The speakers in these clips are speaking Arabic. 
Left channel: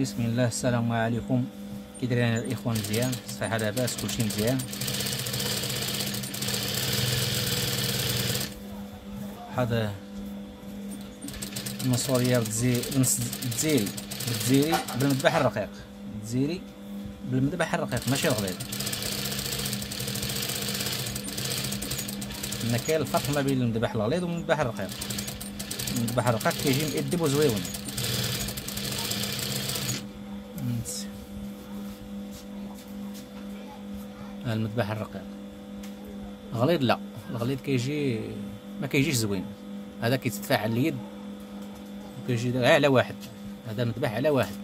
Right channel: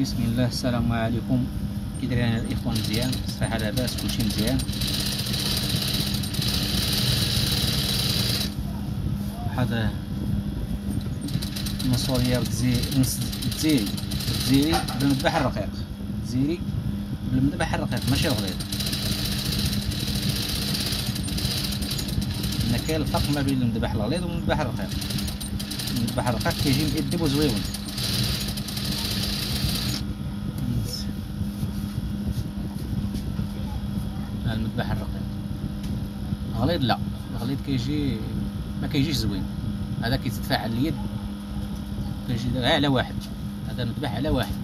بسم الله. السلام عليكم. كي دايرين الاخوان؟ مزيان؟ الصحه لاباس؟ كلشي مزيان؟ هذا نصوريا نص الجزيري بالمذبح الرقيق. الجزيري بالمذبح الرقيق ماشي الغليظ. هنا كاين الفرق ما بين المذبح الغليظ والمذبح الرقيق. المذبح الرقيق كيجي مؤدب وزويون. المذبح الرقيق غليظ لا، الغليظ كيجي ما كيجيش زوين. هذا كيتدفع على اليد كيجي على واحد. هذا مذبح على واحد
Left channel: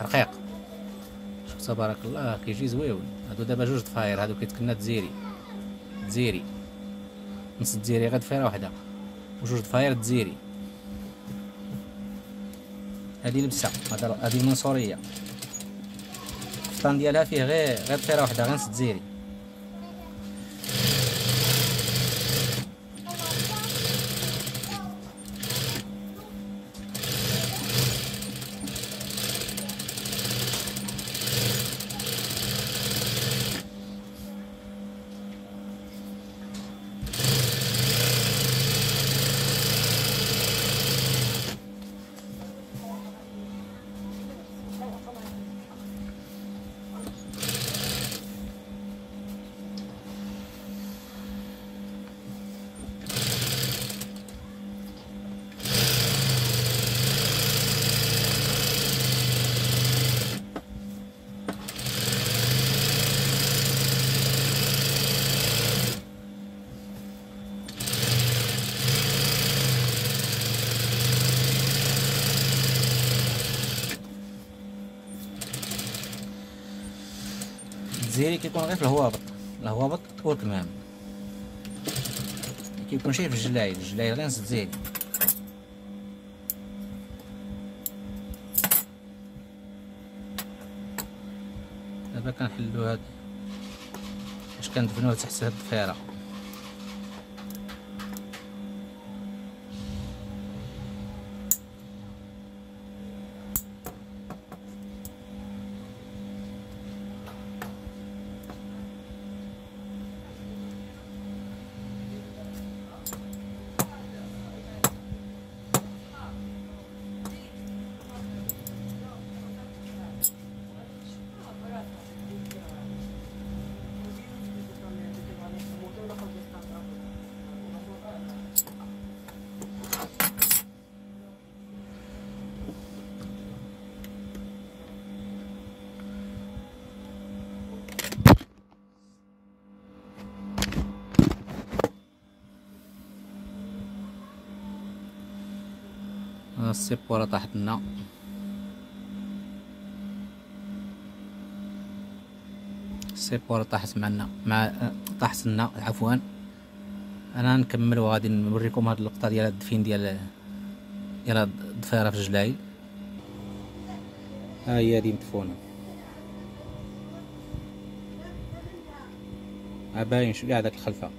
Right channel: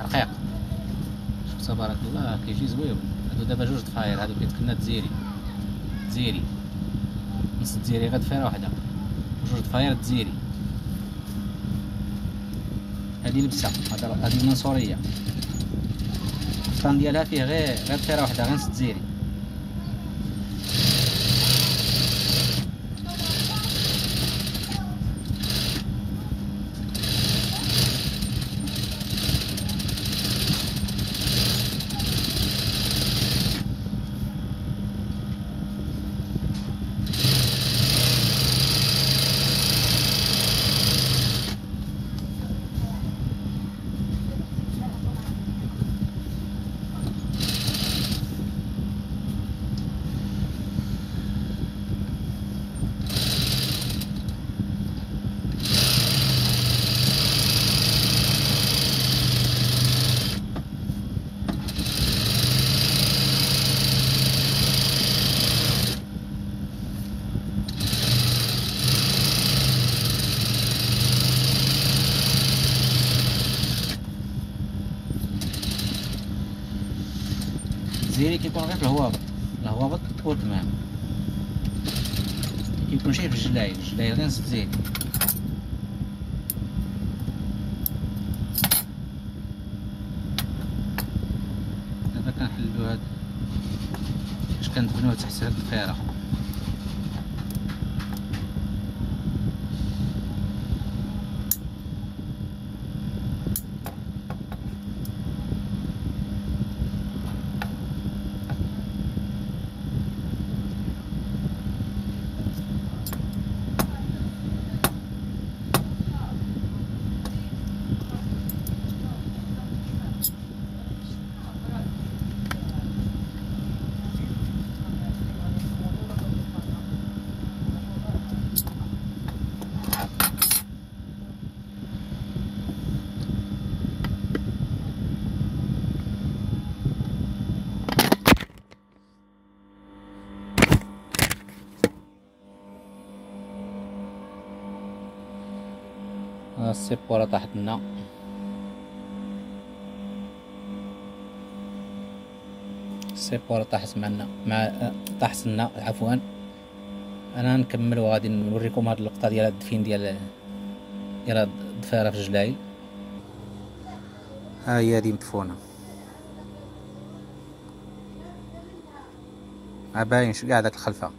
رقيق. شوف تبارك الله كيجي زويون. هادو دابا جوج ضفاير، هادو كيتكنا تزيري نص تزيري غير ضفيره وحده، وجوج ضفاير تزيري. هادي لبسه، هادي المنصوريه. الفطان ديالها فيه غير ضفيره وحده، غير نص تزيري. التزيري كيكون غير في الهوابط والكمام، كيكون شي في الجلاي غير نص تزيري. دابا كنحلو هاد باش كندفنوه تحت هاد الضفيره. السيبورة طاحت لنا. السيبورة طاحت معنا طاحت لنا عفوا. انا نكمل وغادي نوريكم هاد اللقطة ديال الدفين ديال هاد الضفيرة في الجلايل. ها هي هادي مدفونة، باين كاع داك الخلفة.